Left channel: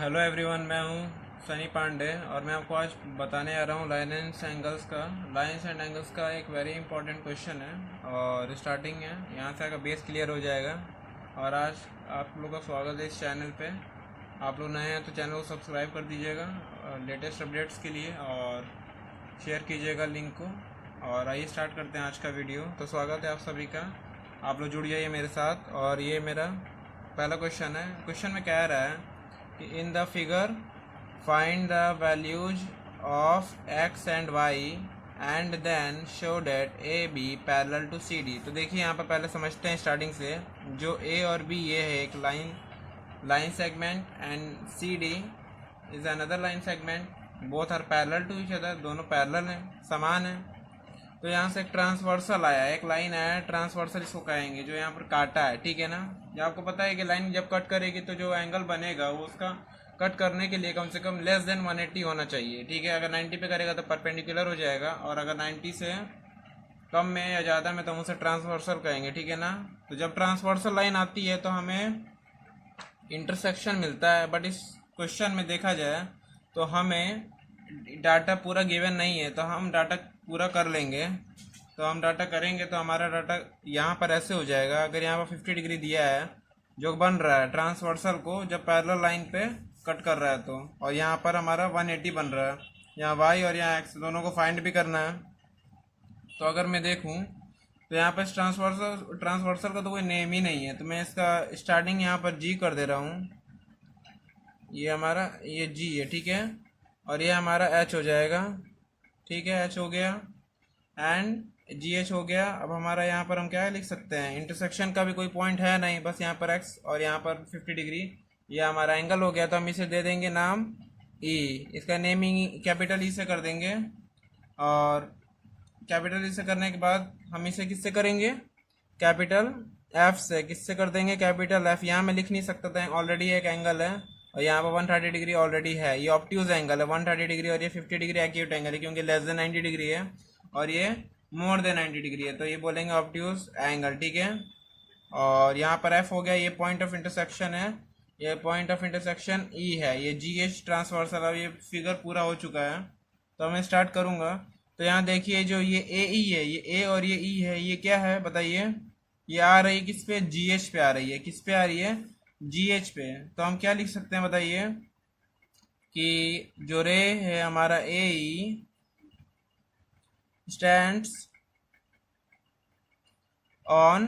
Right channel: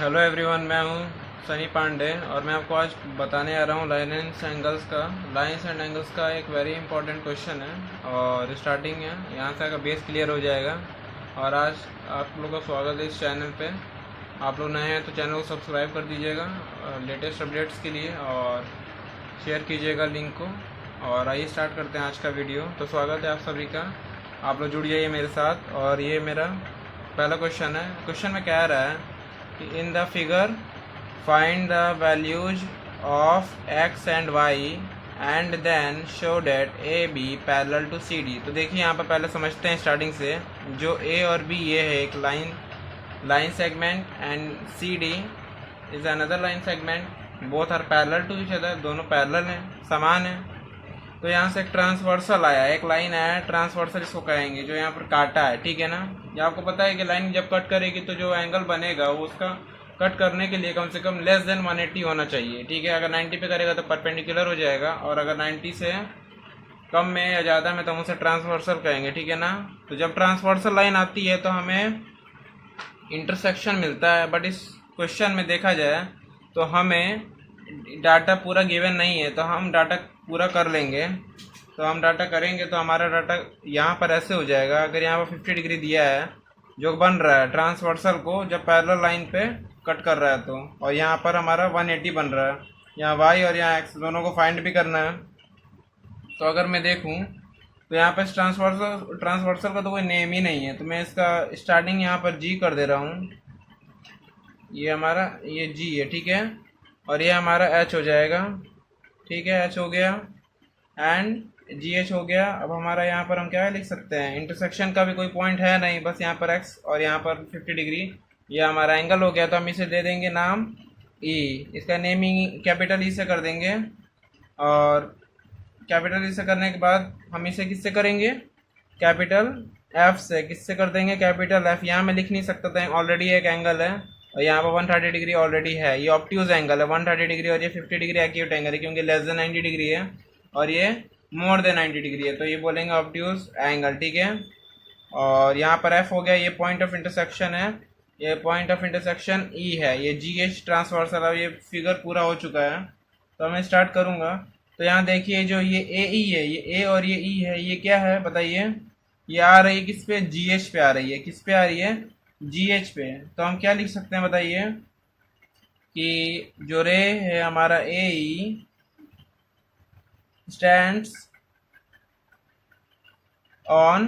Hello everyone, मैं हूं सनी पांडे और मैं आपको आज बताने आ रहा हूं लाइन्स एंगल्स का। लाइन्स एंड एंगल्स का एक वेरी इंपॉर्टेंट क्वेश्चन है और स्टार्टिंग है, यहां से अगर बेस क्लियर हो जाएगा। और आज आप लोग का स्वागत है इस चैनल पे। आप लोग नए हैं तो चैनल को सब्सक्राइब कर दीजिएगा लेटेस्ट अपडेट्स के लिए, और शेयर कीजिएगा लिंक को। और आइए स्टार्ट करते हैं आज का वीडियो। तो स्वागत है आप सभी का, आप लोग जुड़ जाइए मेरे साथ। और ये मेरा पहला क्वेश्चन है। क्वेश्चन में कह रहा है in the figure find the values of x and y and then show that a b parallel to cd। तो देखिए यहाँ पर पहले समझते हैं स्टार्टिंग से। जो a और b ये है एक line segment and cd is another line segment. Both are parallel to each other, दोनों पैरेलल हैं, समान है। तो यहाँ से एक ट्रांसवर्सल आया, एक लाइन आया ट्रांसवर्सल, इसको कहेंगे, जो यहाँ पर काटा है, ठीक है ना। ये आपको पता है कि लाइन जब कट करेगी तो जो एंगल बनेगा वो उसका कट करने के लिए कम से कम लेस देन 180 होना चाहिए, ठीक है। अगर 90 पे करेगा तो परपेंडिकुलर हो जाएगा, और अगर 90 से कम में या ज़्यादा में तो हम उसे ट्रांसवर्सल कहेंगे, ठीक है ना। तो जब ट्रांसवर्सल लाइन आती है तो हमें इंटरसेक्शन मिलता है। बट इस क्वेश्चन में देखा जाए तो हमें डाटा पूरा गिवन नहीं है, तो हम डाटा पूरा कर लेंगे। तो हम डाटा करेंगे तो हमारा डाटा यहाँ पर ऐसे हो जाएगा। अगर यहाँ पर 50 डिग्री दिया है जो बन रहा है ट्रांसवर्सल को जब पैरेलल लाइन पे कट कर रहा है, तो और यहाँ पर हमारा 180 बन रहा है। यहाँ वाई और यहाँ एक्स दोनों को फाइंड भी करना है। तो अगर मैं देखूँ तो यहाँ पर ट्रांसवर्सल का तो कोई नेम ही नहीं है, तो मैं इसका स्टार्टिंग यहाँ पर जी कर दे रहा हूँ। ये हमारा ये जी है, ठीक है, और ये हमारा एच हो जाएगा, ठीक है। एच हो गया एंड जी एच हो गया। अब हमारा यहाँ पर हम क्या लिख सकते हैं, इंटरसेक्शन का भी कोई पॉइंट है नहीं, बस यहाँ पर एक्स और यहाँ पर 50 डिग्री, ये हमारा एंगल हो गया। तो हम इसे दे देंगे नाम ई, इसका नेमिंग कैपिटल ई से कर देंगे। और कैपिटल ई से करने के बाद हम इसे किससे करेंगे, कैपिटल एफ से। किससे कर देंगे, कैपिटल एफ। यहाँ मैं लिख नहीं सकता था, ऑलरेडी एक एंगल है और यहाँ पर 130 डिग्री ऑलरेडी है। ये ऑब्ट्यूज एंगल है 130 डिग्री, और ये 50 डिग्री एक्यूट एंगल है क्योंकि लेस देन 90 डिग्री है और ये मोर देन 90 डिग्री है, तो ये बोलेंगे ऑब्ट्यूज एंगल, ठीक है। और यहाँ पर एफ हो गया, ये पॉइंट ऑफ इंटरसेक्शन है, ये पॉइंट ऑफ इंटरसेक्शन ई है, ये जी एच ट्रांसवर्सल। अब ये फिगर पूरा हो चुका है तो मैं स्टार्ट करूँगा। तो यहाँ देखिए जो ये ए ई है, ये ए और ये ई है, ये क्या है बताइए। ये आ रही है किस पे, जी एच पे आ रही है। किस पे आ रही है, जी एच पे। तो हम क्या लिख सकते हैं बताइए कि जो रे है हमारा A E stands on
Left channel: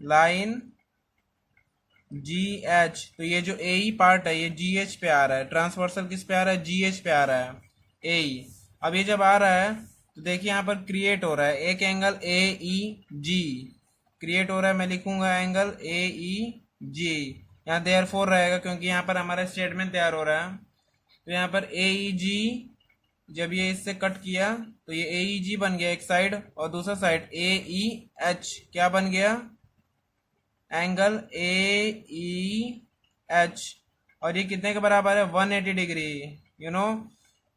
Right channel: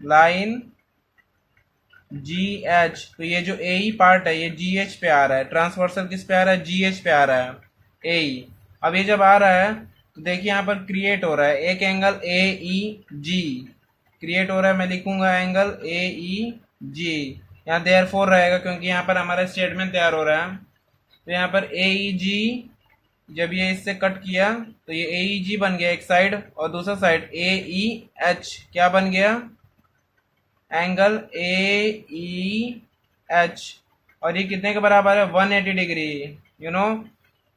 line G H. तो ये जो ए ई पार्ट है ये जी एच पे आ रहा है, ट्रांसवर्सल किस पे आ रहा है, जी एच पे आ रहा है ए ई। अब ये जब आ रहा है तो देखिए यहाँ पर क्रिएट हो रहा है एक angle A E ji, create हो रहा है। मैं लिखूंगा एंगल ए ई जी, यहाँ देयर फोर रहेगा क्योंकि यहाँ पर हमारा स्टेटमेंट तैयार हो रहा है। तो यहाँ पर ए ई जी, जब ये इससे कट किया तो ये ए ई जी बन गया एक साइड, और दूसरा साइड ए ई एच क्या बन गया, एंगल ए ई एच। और ये कितने के बराबर है, 180 डिग्री। यू नो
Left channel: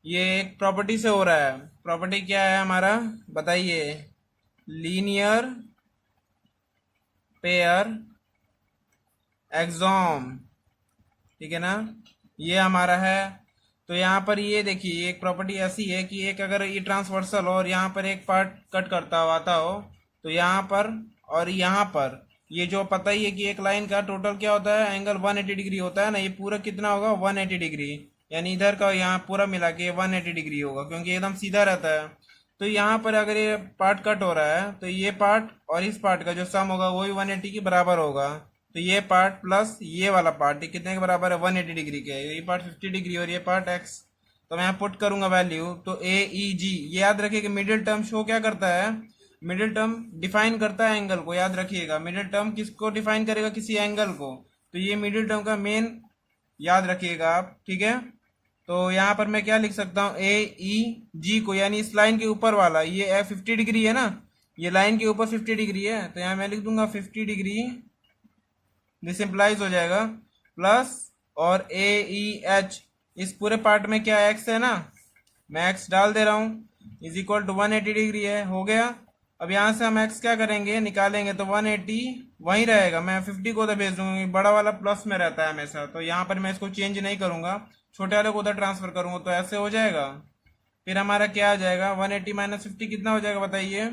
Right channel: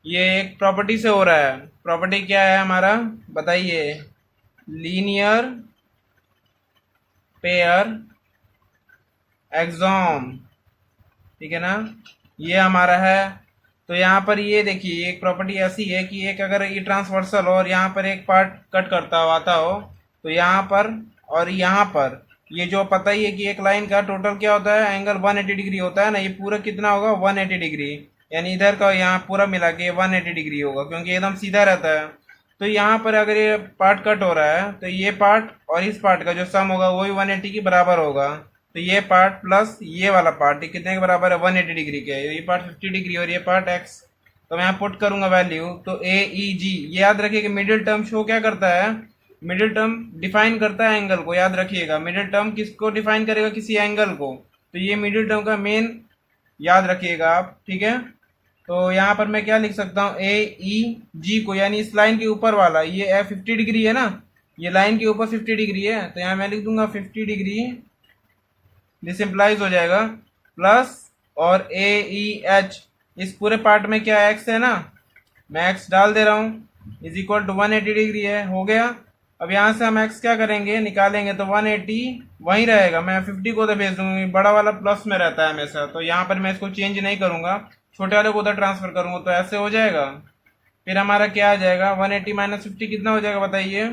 ये एक प्रॉपर्टी से हो रहा है। प्रॉपर्टी क्या है हमारा बताइए, लीनियर पेयर एक्सॉम, ठीक है ना, ये हमारा है। तो यहाँ पर ये देखिए एक प्रॉपर्टी ऐसी है कि एक अगर ये ट्रांसवर्सल हो और यहाँ पर एक पार्ट कट करता हो आता हो, तो यहाँ पर और यहाँ पर ये जो पता ही है कि एक लाइन का टोटल क्या होता है, एंगल 180 डिग्री होता है ना। ये पूरा कितना होगा, 180 डिग्री, यानी इधर का यहाँ पूरा मिला के 180 डिग्री होगा क्योंकि एकदम सीधा रहता है। तो यहाँ पर अगर ये पार्ट कट हो रहा है तो ये पार्ट और इस पार्ट का जो सम होगा वही 180 के बराबर होगा। तो ये पार्ट प्लस ये वाला पार्ट ये कितने के बराबर है, 180 डिग्री के। ये पार्ट 50 डिग्री और ये पार्ट एक्स। तो मैं यहाँ पुट करूंगा वैल्यू, तो ए ई जी। ये याद रखिए कि मिडिल टर्म शो क्या करता है, मिडिल टर्म डिफाइन करता है एंगल को। याद रखिएगा मिडिल टर्म किसको डिफाइन करेगा, किसी एंगल को। तो ये मिडिल टर्म का मेन याद रखिएगा आप, ठीक है। तो यहाँ पर मैं क्या लिख सकता हूँ, ए ई जी को, यानी इस लाइन के ऊपर वाला, ये 50 डिग्री है ना, ये लाइन के ऊपर 50 डिग्री है, तो यहाँ मैं लिख दूंगा 50 डिग्री, दिस इम्प्लाइज हो जाएगा प्लस, और ए ई एच, इस पूरे पार्ट में क्या एक्स है ना, मैं एक्स डाल दे रहा हूँ, इज इक्वल टू 180 डिग्री है, हो गया। अब यहाँ से हम x क्या करेंगे, निकालेंगे तो 180 वहीं रहेगा। मैं 50 को उधर भेज दूंगी, बड़ा वाला प्लस में रहता है हमेशा, तो यहाँ पर मैं इसको चेंज नहीं करूंगा, छोटे वाले को उधर ट्रांसफर करूंगा, तो ऐसे हो जाएगा। फिर हमारा क्या आ जाएगा, 180 माइनस 50 कितना हो जाएगा बताइए,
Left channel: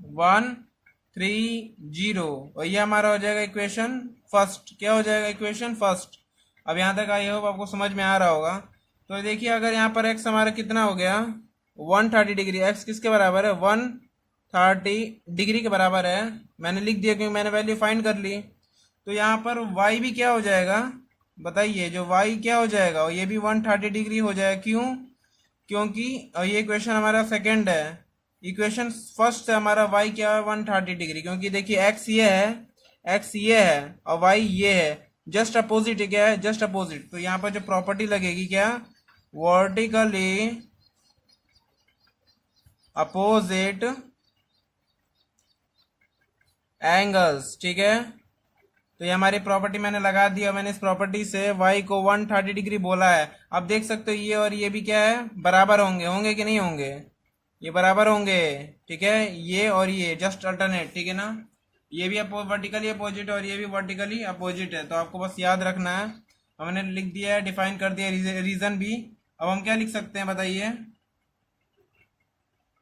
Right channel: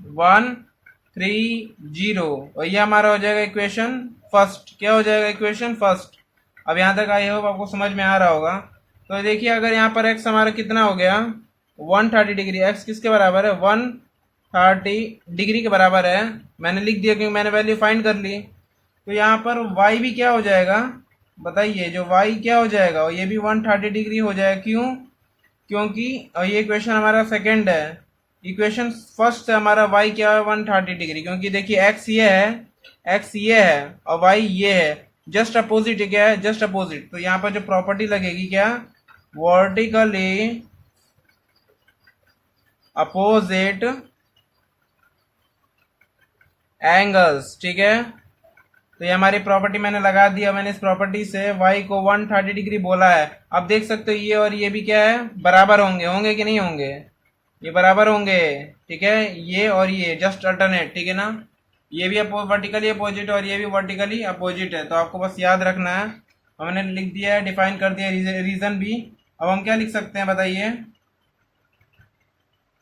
130। और ये हमारा हो जाएगा इक्वेशन फर्स्ट। क्या हो जाएगा, इक्वेशन फर्स्ट। अब यहाँ तक आई होप आपको समझ में आ रहा होगा। तो देखिए अगर यहाँ पर x हमारा कितना हो गया, 130 डिग्री। x किसके बराबर है, 130 डिग्री के बराबर है। मैंने लिख दिया क्योंकि मैंने वैल्यू फाइंड कर ली। तो यहाँ पर y भी क्या हो जाएगा बताइए, जो y क्या हो जाएगा, और ये भी 130 डिग्री हो जाएगा। क्यों, क्योंकि ये इक्वेशन हमारा सेकंड है, इक्वेशन फर्स्ट से हमारा y क्या है, 130 डिग्री। क्योंकि देखिए x ये है, x ये है और y ये है, जस्ट अपोजिट। क्या है, जस्ट अपोजिट। तो यहाँ पर जो प्रॉपर्टी लगेगी क्या, वर्टिकली अपोजिट एंगल्स। ठीक है, तो ये हमारी प्रॉपर्टी मैंने लगा दिया। मैंने इस प्रॉपर्टी से y को 130 डिग्री बोला है। अब देख सकते हो ये और ये भी क्या है, बराबर होंगे। होंगे कि नहीं होंगे, ये बराबर होंगे। ठीक है, ये और ये जस्ट अल्टरनेट। ठीक है ना, ये भी वर्टिकली अपोजिट और ये भी वर्टिकली अपोजिट है। तो आपको बस याद रखना है। हमने लिख दिया है, डिफाइन कर दिया रीजन भी। अब हम क्या लिख सकते हैं बताइए,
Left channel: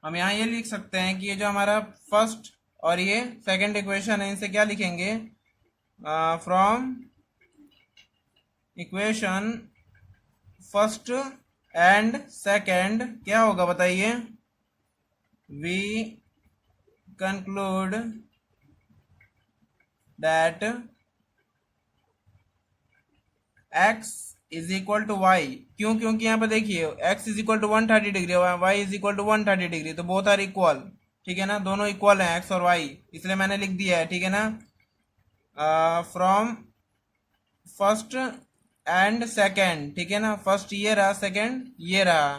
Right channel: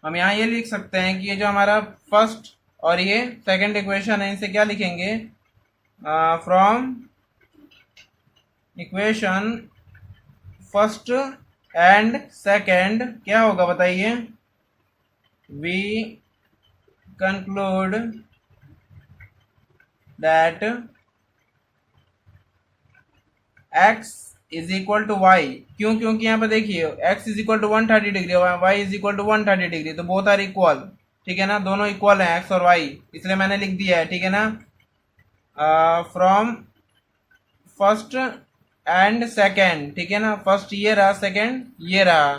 हम यहाँ ये लिख सकते हैं कि ये जो हमारा फर्स्ट और ये सेकंड इक्वेशन है, इनसे क्या लिखेंगे, from equation first and second क्या होगा बताइए, we conclude that x is equal to Y. क्यों, क्योंकि यहाँ पर देखिए x is equal to 130 degree और y is equal to 130 degree, तो बोथ आर इक्वल। ठीक है ना, दोनों इक्वल हैं x और y, इसलिए मैंने लिख दिया है। ठीक है ना, फ्रॉम फर्स्ट एंड सेकेंड। ठीक है ना, फर्स्ट ये रहा, सेकेंड ये रहा,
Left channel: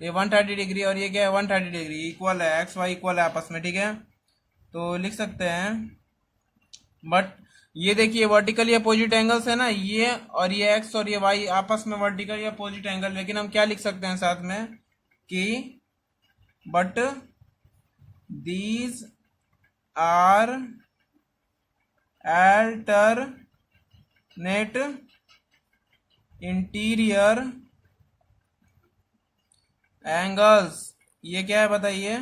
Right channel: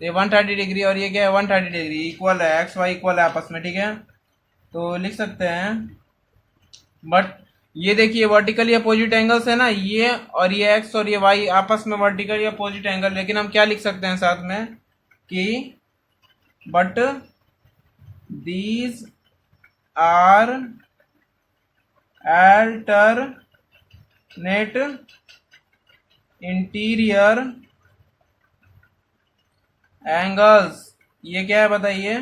तो ये 130 डिग्री और ये क्या है, 130 डिग्री, इक्वल है, एक्स वाई इक्वल है आपस में। ठीक है, तो लिख सकते हैं। बट ये देखिए वर्टिकली अपोजिट एंगल्स है ना, ये और ये एक्स और ये वाई आपस में वर्टिकली अपोजिट एंगल। लेकिन हम क्या लिख सकते हैं साथ में कि but these are alternate interior angles. ये क्या है बताइए,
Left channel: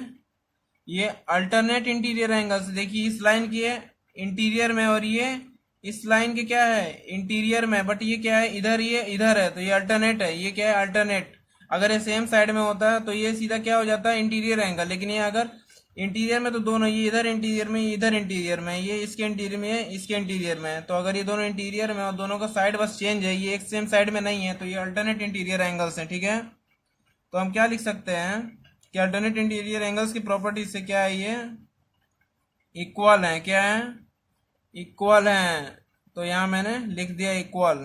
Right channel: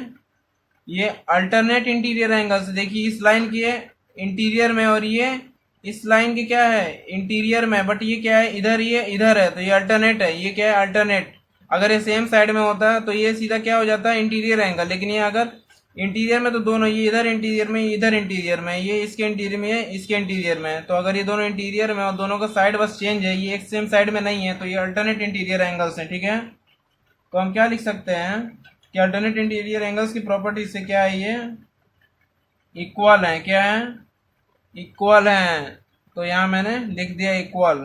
ये अल्टरनेट इंटीरियर एंगल्स। देखिए इस लाइन के इंटीरियर में और ये इस लाइन के क्या है, इंटीरियर में, बट ये क्या है, इधर, ये इधर है, तो ये अल्टरनेट है। ये क्या है, अल्टरनेट। अगर ये सेम साइड में होता है तो ये सीधा क्या हो जाता है, इंटीरियर एंगल। लेकिन ये अगर इंटीरियर में, तो दोनों, ये इधर इंटीरियर में, ये इधर इंटीरियर में, ये इसके इंटीरियर में, ये इसके इंटीरियर में। तो अगर ये दोनों इंटीरियर में और दोनों का साइड बस चेंज है, ये एक सेम साइड में नहीं है, तो ये अल्टरनेट इंटीरियर एंगल्स हैं। ठीक है, तो हम क्या लिख सकते हैं कि अल्टरनेट इंटीरियर एंगल्स की प्रॉपर्टी से क्या है, ये इक्वल है। क्या है, इक्वल है। तो यहाँ मैंने लिख दिया equal.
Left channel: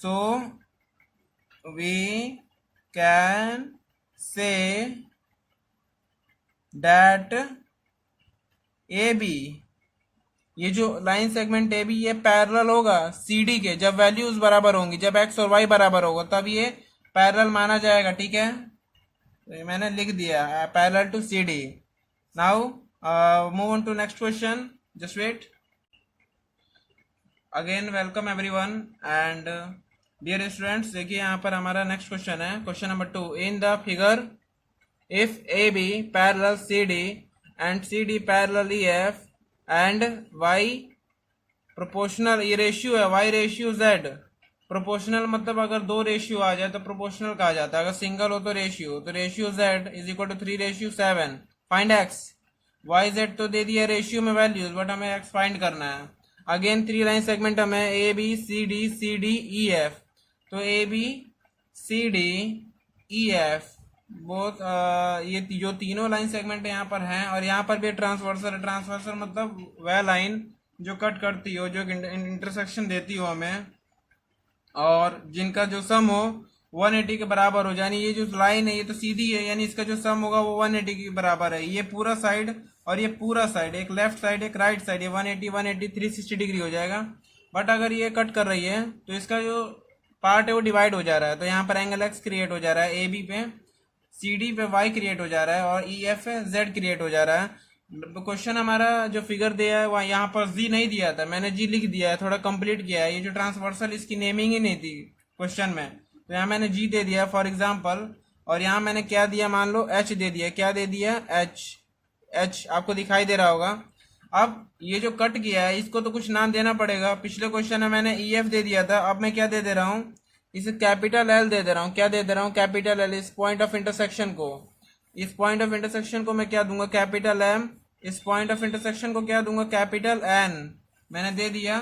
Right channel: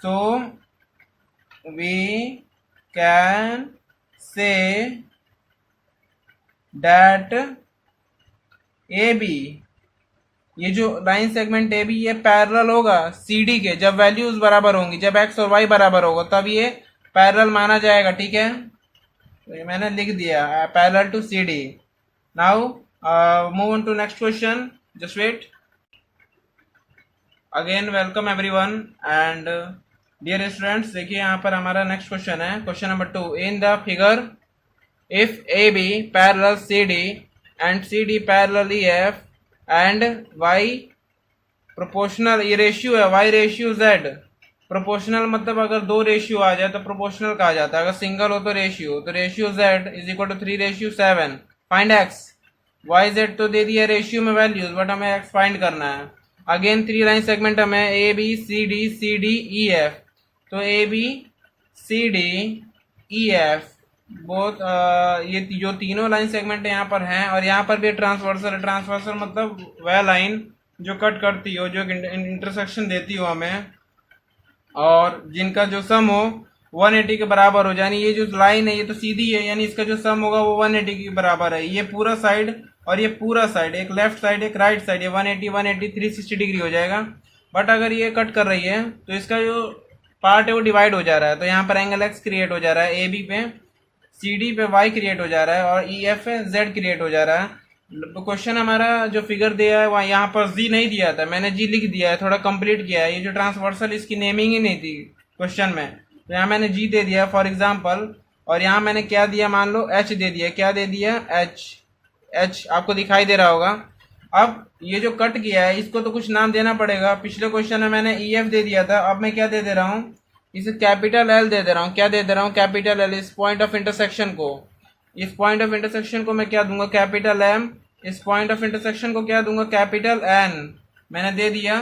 So we can say that A B, ये जो लाइन सेगमेंट ए बी, ये पैरेलल होगा सी डी के। जब वैल्यूज बराबर होंगी, जब एक्स और वाई बराबर होगा, तब ये पैरेलल माना जाएगा। ठीक है, तो ये मैंने लिख दिया, parallel to C D. Now move on to next question, just wait. Again welcome everyone and dear students, देखिए यहाँ पर हमारा नेक्स्ट क्वेश्चन है, question number 2। In the figure if A B parallel C D and C D parallel E F and Y proportional, ये ratio है Y ratio Z. Proportional मतलब अगर दो रेशियो आ जाए तो प्रोपोर्शनल कहा जाता है, अगर सिंगल हो तो ratio Z is equal to 3:7। Find x, y z तो दे दिया रेशियो में वैल्यूज, बट हमें एक्स फाइंड करना है। अगेन 3 लाइन सेगमेंट हमें A B C D E F. तो A B C D E F बहुत ये जो तीनों लाइन सेगमेंट यहाँ पर हैं, और यहाँ पर भी ट्रांसवर्सल। ट्रांसवर्सल मतलब वह लाइन जो कट करती हो, जो इंटरसेक्शन देती हो हमें, और जिनका जो सम हो 180 के बराबर हो। यानी ये जो लाइन है ये तो सीधी है, यानी इसका जो सम होगा वो 180 के बराबर है। ये पूरा साइड और ये पूरा साइड, एक लेफ्ट साइड एक राइट साइड, ये 180 360 डिग्री हो जाएगा। बट अगर ये कट कर रही है तो इसका जो पार्ट है वो डिवाइड हो जा रहा है, तो यहाँ पर एंगल एक्स क्रिएट हो जा रहा है ए बी पे सी डी पे वाई क्रिएट हो जा रहा है और ई एफ पे जेड क्रिएट हो जा रहा है। क्वेश्चन हमारा जो फिगर दिया है वहाँ यहाँ पर जी नहीं दिया था, मैंने जी लिख दिया है, थोड़ा कंप्लीट किया है। ये जो ट्रांसवर्सल इसकी नेमिंग ही नहीं थी क्वेश्चन में, तो यहाँ मैंने जी दे दिया फॉर एग्जाम्पल, और यहाँ मैंने क्या दिया, मान लो एच दे दिया। क्या दे दिया? एच। एच आपको दिखाई दे रहा होगा। अब ये जो कट किया है इसको तो कुछ नाम देना पड़ेगा। पिछले क्वेश्चन में मैंने ई एफ दे दिया था, अब मैं क्या दे दे रहा हूँ, इसे कैपिटल एल दे दे रहा हूँ। क्या दे दे रहा हूँ? Capital L. इस पॉइंट ऑफ इंटरसेक्शन को, इस पॉइंट ऑफ इंटरसेक्शन को मैं क्या दूंगा? Capital M. इस पॉइंट ऑफ इंटरसेक्शन को क्या दूंगा? Capital N. मैंने दे दिया।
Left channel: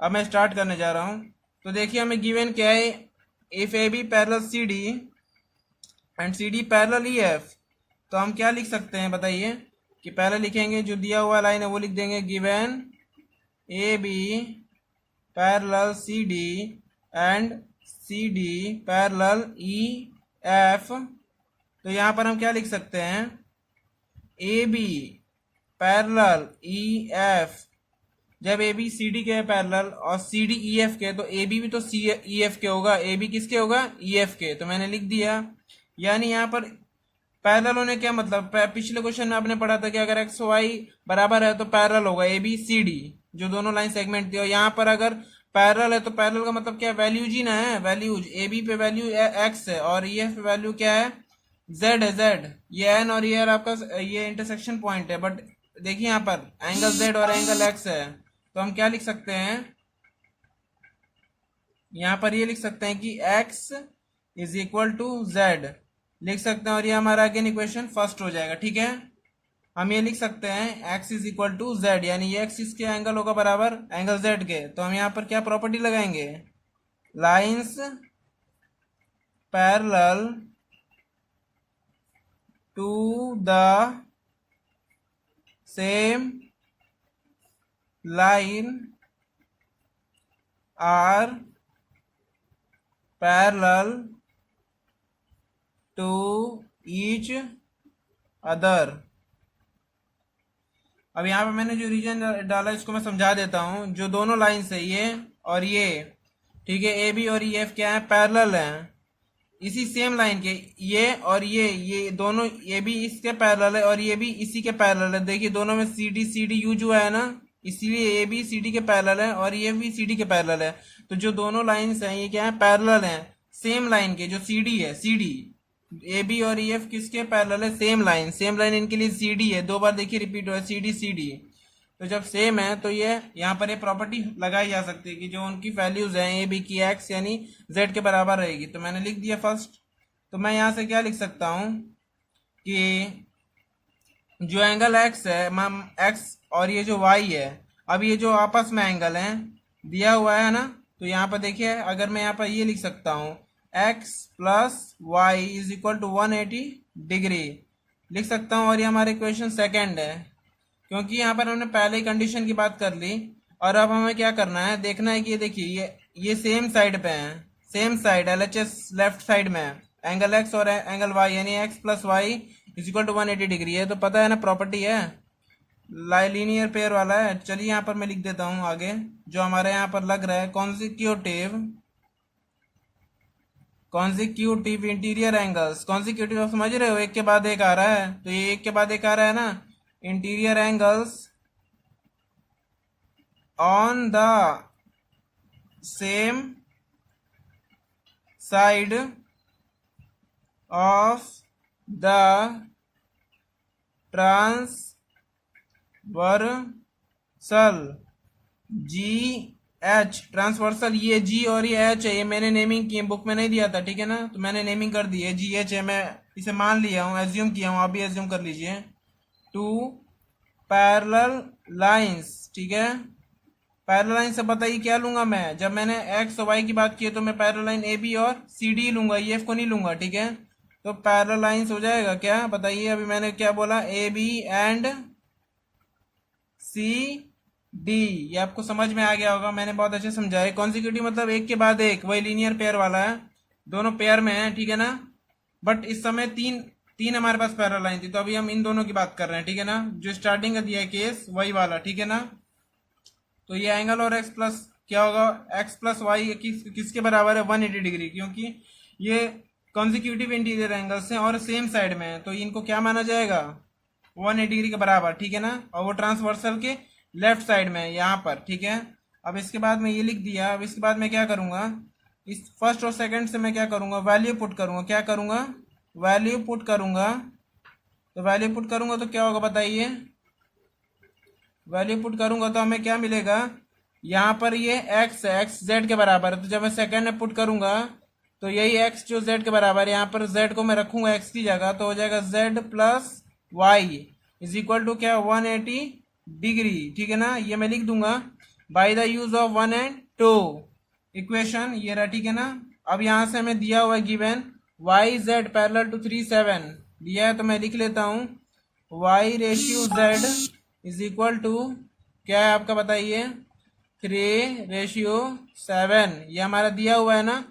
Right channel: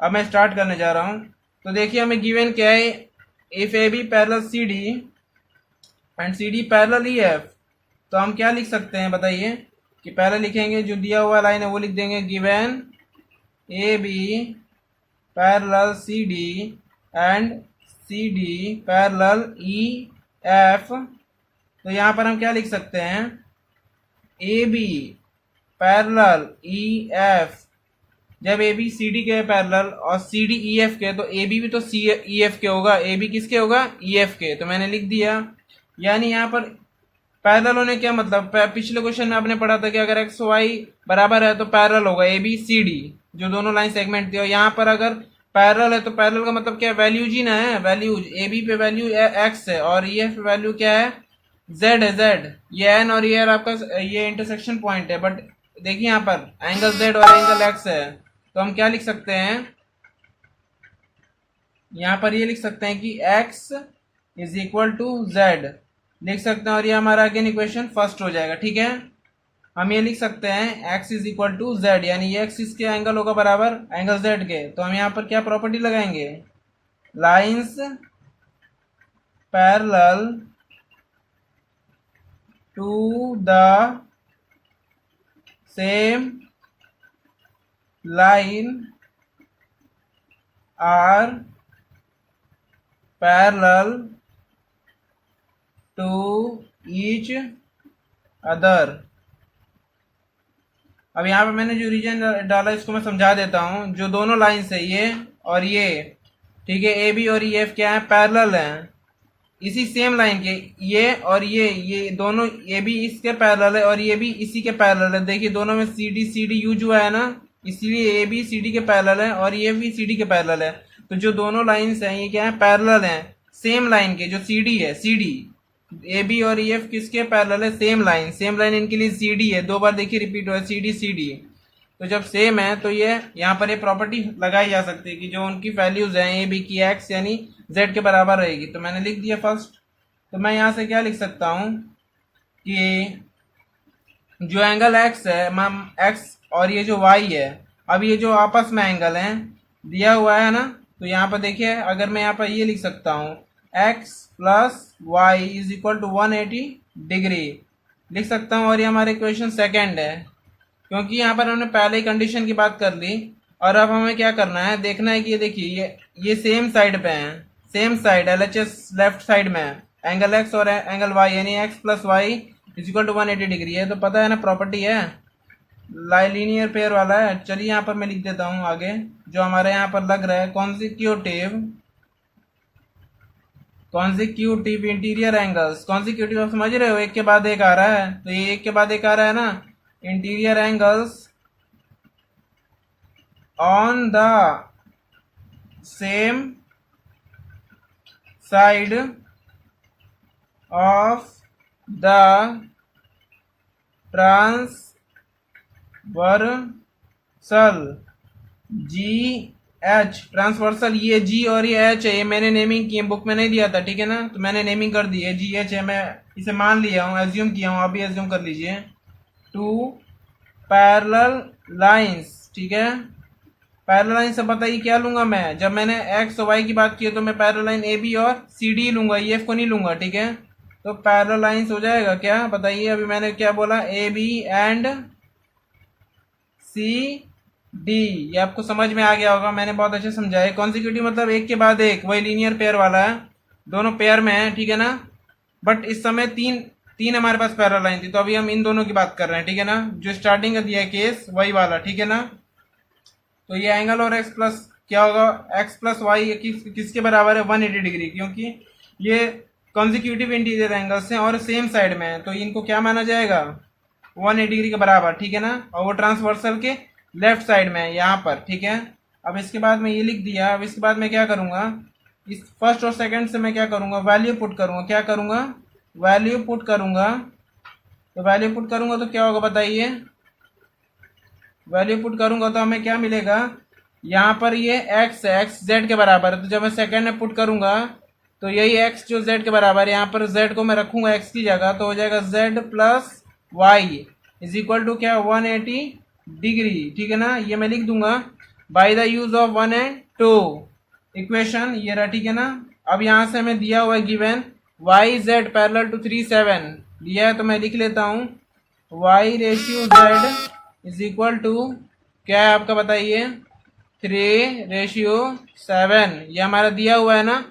अब मैं स्टार्ट करने जा रहा हूँ। तो देखिए हमें गिवन क्या है, if A B parallel C D and C D parallel E F, तो हम क्या लिख सकते हैं बताइए? कि पहले लिखेंगे जो दिया हुआ लाइन है वो लिख देंगे, given A B parallel C D and C D parallel E F. तो यहाँ पर हम क्या लिख सकते हैं? A B parallel E F, जब ए बी सी डी के पैरेलल और सी डी ई एफ के, तो ए बी भी तो सी ई एफ के होगा। ए बी किसके होगा? ई एफ के। तो मैंने लिख दिया। यानी यहाँ पर पैरेलल होने क्या मतलब, पिछले क्वेश्चन में आपने पढ़ा था कि अगर एक्स वाई बराबर है तो पैरेलल होगा ए बी सी डी, जो दोनों लाइन सेगमेंट थी। और यहाँ पर अगर पैरेलल है तो पैरेलल का मतलब क्या है? वैल्यूज ही ना है, वैल्यूज। ए बी पे वैल्यू एक्स है और ई एफ पे वैल्यू क्या है? जेड है, जेड। ये एन और ये आपका ये इंटरसेक्शन पॉइंट है। बट देखिए यहाँ पर एंगल जेड और एंगल एक्स है, तो हम क्या लिख सकते हैं? यहाँ पर ये लिख सकते हैं कि x is equal to Z लिख सकते हैं, और ये हमारा अगेन इक्वेशन फर्स्ट हो जाएगा। ठीक है, हम ये लिख सकते हैं x is equal to Z, यानी ये x इसके एंगल होगा बराबर एंगल z के। तो हम यहाँ पर क्या प्रॉपर्टी लगाएंगे? Lines parallel to the same line are parallel to each other. अब यहाँ पे मैंने जो रीजन डाला इसको मैं समझा देता हूँ। जो दोनों लाइन्स है ये और ये, ठीक है, ए बी और ई एफ क्या है? पैरेलल हैं इसी सेम लाइन के। ये और ये दोनों, ए बी इसके पैरेलल है और ये भी इसी के पैरेलल है। देखिए दोनों में सी डी यूज हुआ है ना, इसीलिए ए बी सी डी के पैरेलल है और ये भी सी डी के पैरेलल है। तो जो दोनों लाइन्स हैं ये क्या है? पैरेलल हैं सेम लाइन के। जो सी डी है, सी डी, ए बी और ई एफ किसके पैरेलल है? Same line. सेम लाइन इनके लिए सी डी है, दो बार देखिए रिपीट हुआ है, सी डी। तो जब सेम है तो ये यहाँ पर ये प्रॉपर्टी लगाई जा सकती है कि जो उनकी वैल्यूज हैं ए बी की एक्स यानी जेड के बराबर रहेगी। तो मैंने लिख दिया फर्स्ट। तो मैं यहाँ से क्या लिख सकता हूँ कि जो एंगल एक्स है, एक्स और ये जो वाई है, अब ये जो आपस में एंगल है दिया हुआ है ना, तो यहाँ पर देखिए अगर मैं यहाँ पर ये लिख सकता हूँ X plus Y is equal to 180 degree लिख सकता हूँ। और ये हमारे क्वेश्चन सेकेंड है, क्योंकि यहाँ पर हमने पहले ही कंडीशन की बात कर ली। और अब हमें क्या करना है, देखना है कि ये देखिए ये सेम साइड पे हैं, same side LHS left side में है, एंगल एक्स और एंगल वाई, यानी X plus Y is equal to 180 degree है। तो पता है ना, प्रॉपर्टी है, लीनियर पेयर वाला है। चलिए यहाँ पर मैं लिख देता हूँ आगे जो हमारे यहाँ पर लग रहा है, कॉन्जिक्यूटिव इंटीरियर एंगल्स। कॉन्जिक्यूटिव आप समझ रहे हो, एक के बाद एक आ रहा है, तो ये एक के बाद एक आ रहा है ना, interior angles on the same side of the transversal ji H. Transversal ये जी और ये एच है, ये मैंने नेमिंग की, बुक में नहीं दिया था, ठीक है ना, तो मैंने नेमिंग कर दी है, जी एच है, मैं इसे मान लिया हूँ, एज्यूम किया हूँ, आप भी एज्यूम कर लीजिए। टू पैरेलल लाइंस, ठीक है, पैरेलल लाइन से बताइए क्या लूंगा मैं, जब मैंने एक्स और वाई की बात की तो मैं पैरेलल लाइन ए बी और सी डी लूंगा, ई एफ को नहीं लूंगा, ठीक है। तो पैरेलल लाइंस हो जाएगा क्या बताइए, अभी मैंने क्या बोला, A B and C D, ये आपको समझ में आ गया होगा, मैंने बहुत अच्छे समझाया। कॉन्जिक्यूटिव मतलब एक के बाद एक, वही लीनियर पेयर वाला है, दोनों पेयर में है, ठीक है ना। बट इस समय तीन हमारे पास पैरेलल लाइन थी, तो अभी हम इन दोनों की बात कर रहे हैं, ठीक है ना, जो स्टार्टिंग का दिया है केस वही वाला, ठीक है ना। तो ये एंगल और एक्स प्लस क्या होगा, एक्स प्लस वाई किसके बराबर है, 180 डिग्री, क्योंकि ये कंसेक्यूटिव इंटीरियर एंगल्स हैं और सेम साइड में है, तो इनको क्या माना जाएगा 180 डिग्री के बराबर, ठीक है ना। और वो ट्रांसवर्सल के लेफ्ट साइड में है यहाँ पर, ठीक है। अब इसके बाद मैं ये लिख दिया। अब इसके बाद मैं क्या करूँगा, इस फर्स्ट और सेकंड से मैं क्या करूँगा, वैल्यू पुट करूँगा। क्या करूँगा, वैल्यू पुट करूँगा। तो वैल्यू पुट करूँगा तो क्या होगा बताइए, वैल्यू पुट करूँगा तो हमें क्या मिलेगा, यहाँ पर ये x है, x z के बराबर है। तो जब मैं सेकंड में पुट करूँगा तो यही x जो z के बराबर है, यहाँ पर z को मैं रखूँगा x की जगह, तो हो जाएगा z plus Y is equal to क्या 180 डिग्री, ठीक है ना। ये मैं लिख दूंगा by the use of 1 and 2 equation, ये रहा, ठीक है ना। अब यहाँ से हमें दिया हुआ है given Y Z parallel to 3 7 दिया है, तो मैं लिख लेता हूँ Y ratio Z is equal to क्या है आपका बताइए 3:7। ये हमारा दिया हुआ है ना,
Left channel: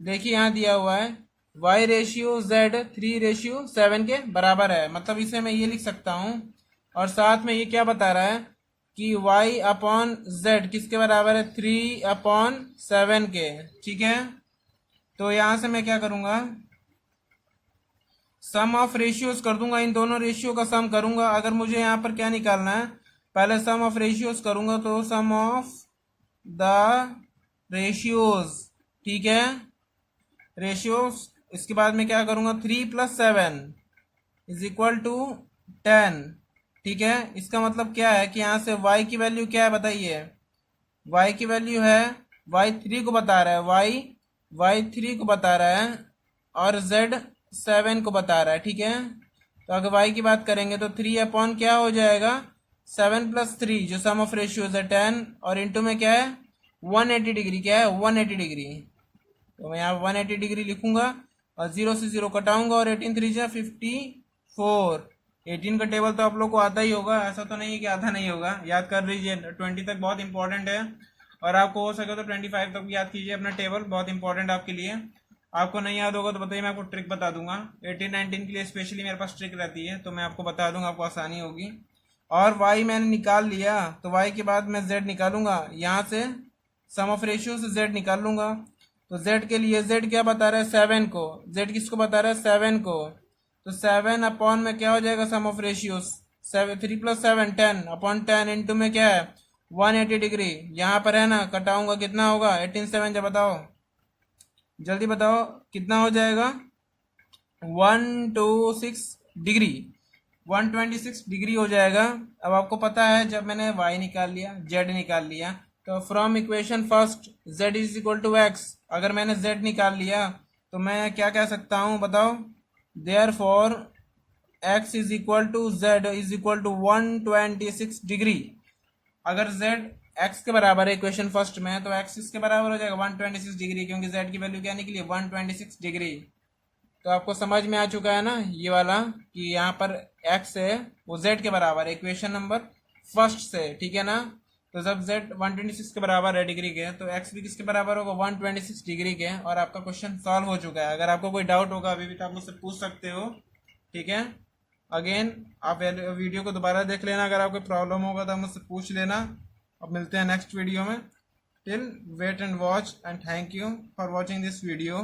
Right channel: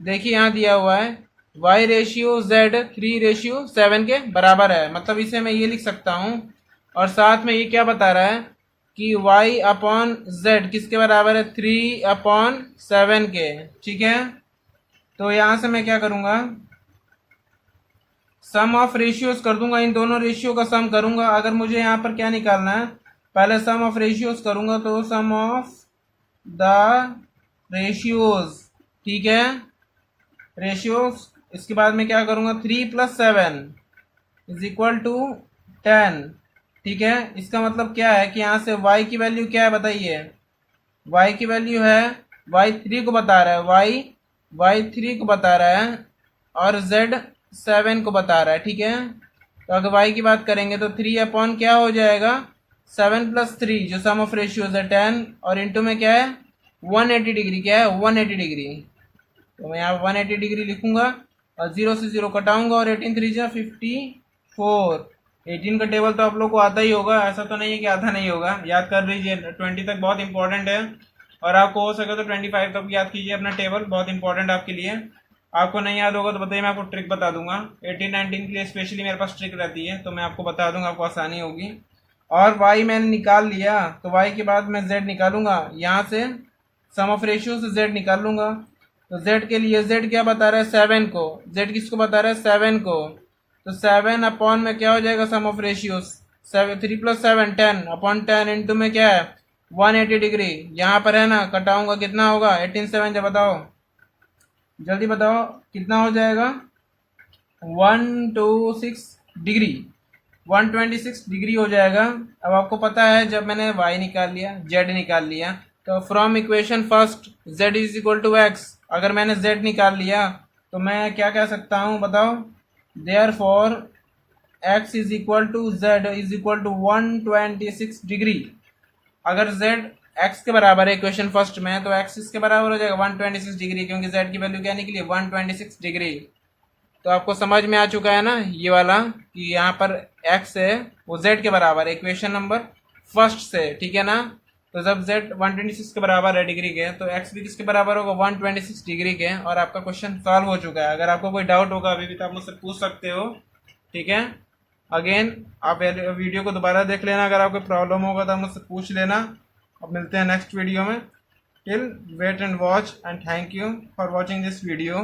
देखिए यहाँ दिया हुआ है y रेशियो z 3:7 के बराबर है। मतलब इसे मैं ये लिख सकता हूँ, और साथ में ये क्या बता रहा है कि y अपॉन z किसके बराबर है 3/7 के, ठीक है। तो यहाँ से मैं क्या करूँगा, सम ऑफ रेशियोज कर दूंगा, इन दोनों रेशियो का सम करूंगा। अगर मुझे यहाँ पर क्या निकालना है, पहले सम ऑफ रेशियोज करूंगा, तो सम ऑफ द रेशियोज, ठीक है, रेशियोज। इसके बाद में क्या करूंगा 3 + 7 इज इक्वल टू 10, ठीक है। इसका मतलब क्या है कि यहाँ से y की वैल्यू क्या है बताइए, y की वैल्यू है y3 को बता रहा है, y3 को बता रहा है और z 7 को बता रहा है, ठीक है। तो अगर y की बात करेंगे तो 3 अपॉन क्या हो जाएगा 7 + 3 जो सम ऑफ रेशियोज है 10, और इंटू में क्या है 180 डिग्री, क्या है 180 डिग्री। तो मैं यहाँ 180 डिग्री लिखूंगा और 0 से 0 कटाऊंगा, और 18 3 जा 54। 18 का टेबल तो आप लोग को आता ही होगा, ऐसा तो नहीं है कि आता नहीं होगा, याद कर लीजिए। 20 तक बहुत इंपॉर्टेंट है, और आपको हो सके तो 25 तक याद कीजिए अपना टेबल, बहुत इंपॉर्टेंट आपके लिए। आपको नहीं याद होगा तो बताइए, मैं आपको ट्रिक बता दूंगा। 18 19 के लिए स्पेशली मेरे पास ट्रिक रहती है, तो मैं आपको बता दूंगा, आपको आसानी होगी। और y मैंने निकाल लिया, तो y के बाद मैं z निकालूंगा, यहाँ से सम ऑफ रेशियो से z निकाल लूंगा। तो z के लिए z क्या बता रहा है 7 को, z किसको बता रहा है 7 को, तो 7 अपॉन में क्या हो जाएगा सम ऑफ रेशियोज 3 + 7 10 अपॉन 10 इंटू में क्या है 180 डिग्री। यहाँ पर है ना, कटाऊंगा कितना होगा 18 7 जब बताओ, जल्दी बताओ कितना हो जाएगा 126 डिग्री, 126 डिग्री हो जाएगा। अब आपको पता है जब मैंने y निकाल लिया z निकाल लिया, तो from equation first z is equal to x, अगर मैंने z निकाल लिया तो मैं क्या कह सकता हूँ बताओ, therefore x is equal to z is equal to 126 degree. अगर z x के बराबर है इक्वेशन फर्स्ट में, तो x इसके बराबर हो जाएगा 126 डिग्री, क्योंकि z की वैल्यू क्या निकली 126 डिग्री। तो आपको समझ में आ चुका है ना ये वाला, कि यहाँ पर x है वो z के बराबर है इक्वेशन नंबर फर्स्ट से, ठीक है ना। तो जब z 126 के बराबर है डिग्री के, तो x भी किसके बराबर होगा 126 डिग्री के, और आपका क्वेश्चन सॉल्व हो चुका है। अगर आपको कोई डाउट होगा अभी भी तो आप मुझसे पूछ सकते हो, ठीक है। अगेन आप वीडियो को दोबारा देख लेना, अगर आपको प्रॉब्लम होगा तो आप मुझसे पूछ लेना। अब मिलते हैं नेक्स्ट वीडियो में, till wait and watch, and thank you for watching this video.